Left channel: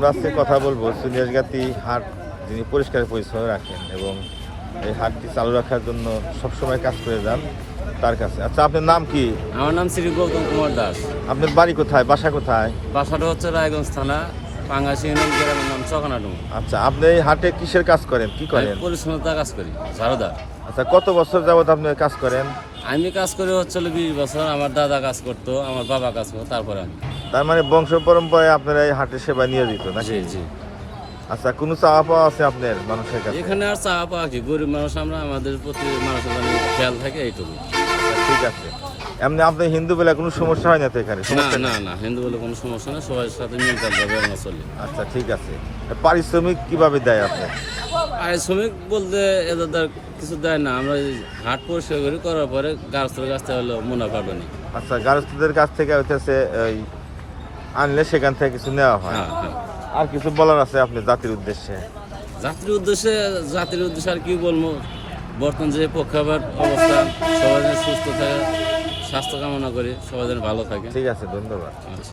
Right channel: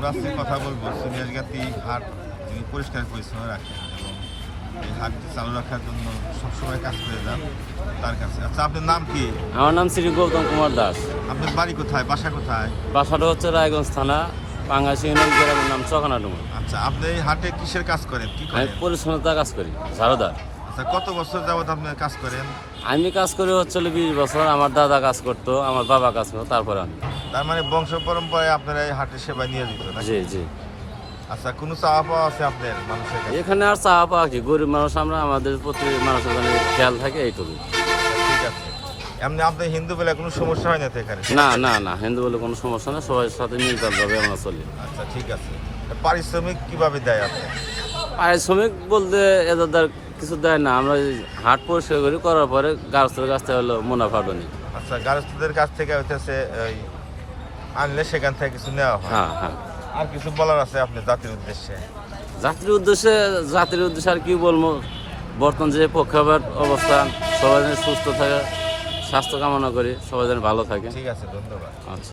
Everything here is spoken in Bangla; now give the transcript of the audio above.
আমরা আজকে কথা বলবো সিনিয়রগাতি হাট যিনি পরিষ্কার পরিচ্ছন্ন রাখেন এবং এই হাটটি চালু রাখার জন্য সবসময় কাজ করে যান তার কাছে। আচ্ছা, আপনার নাম কি? আমার নাম শ্রী গৌতম কুমার দাস। আপনার বাড়ি কোথায়, বাসা কোথায়? বাসাটা হচ্ছে রায়গঞ্জ থানা, পাঙ্গাসি ইউনিয়ন, গ্রামের নাম চকানাডুমা। আচ্ছা, আপনি এই হাটে কিসের কাজ করেন, কি আমি করেন? পরিচ্ছন্নতা কাজ করি, ঝাড়ুদার। আচ্ছা, কত বছর যাবত আপনি কাজ করেন? আমি কাজ করি হচ্ছে 20 বছর। আমার দাদা কাজ করতো, আমার বাবা কাজ করতো, তারপরে আমি। তার মানে বংশ পরম্পরায় আপনারা এই হাটের সেবা নিয়োজিত না? জি জি। আচ্ছা, কোনো চাওয়া পাওয়া আছে আপনার মানুষের কাছে? এখানে আর চাওয়া পাওয়া কি, গরিব মানুষ আমরা, আমাদের প্রতি মানুষের মানে খেয়াল থাকে এইটুকু। ঠিক আছে। এমনি আপনি হিন্দু বলে কোনো সমস্যা হয় না তো এখানে? না না না, হিন্দু বলে কোনো সমস্যা নেই, সবার সাথে মিলতালভাবে আমরা চলি। আচ্ছা, ঠিক আছে। পারিশ্রমিক কিভাবে দেয় আপনি? পারিশ্রমিক বলতে এদের কিছু দেয় না, আমরা এই হাট পরিষ্কার করি, করার পরে গাছের কাছ থেকে হলো মুনাফাটা নিই। আচ্ছা, গার্হস্থ্যদের কাছ থেকে হচ্ছে ওই আনলে সেখান থেকে কিছু নেওয়া হয়। হ্যাঁ হ্যাঁ। আর কিছু বলার আছে আপনি জাতির উদ্দেশ্যে? জাতির উদ্দেশ্যে আর কি বলবো, বর্তমান যে পক্ষাঘাত অবস্থান, সবাই যেন সুস্থ থাকে, স্বাস্থ্য কামনা করি, সবাই যেন ভালো থাকে। ঠিক আছে, ধন্যবাদ। আচ্ছা।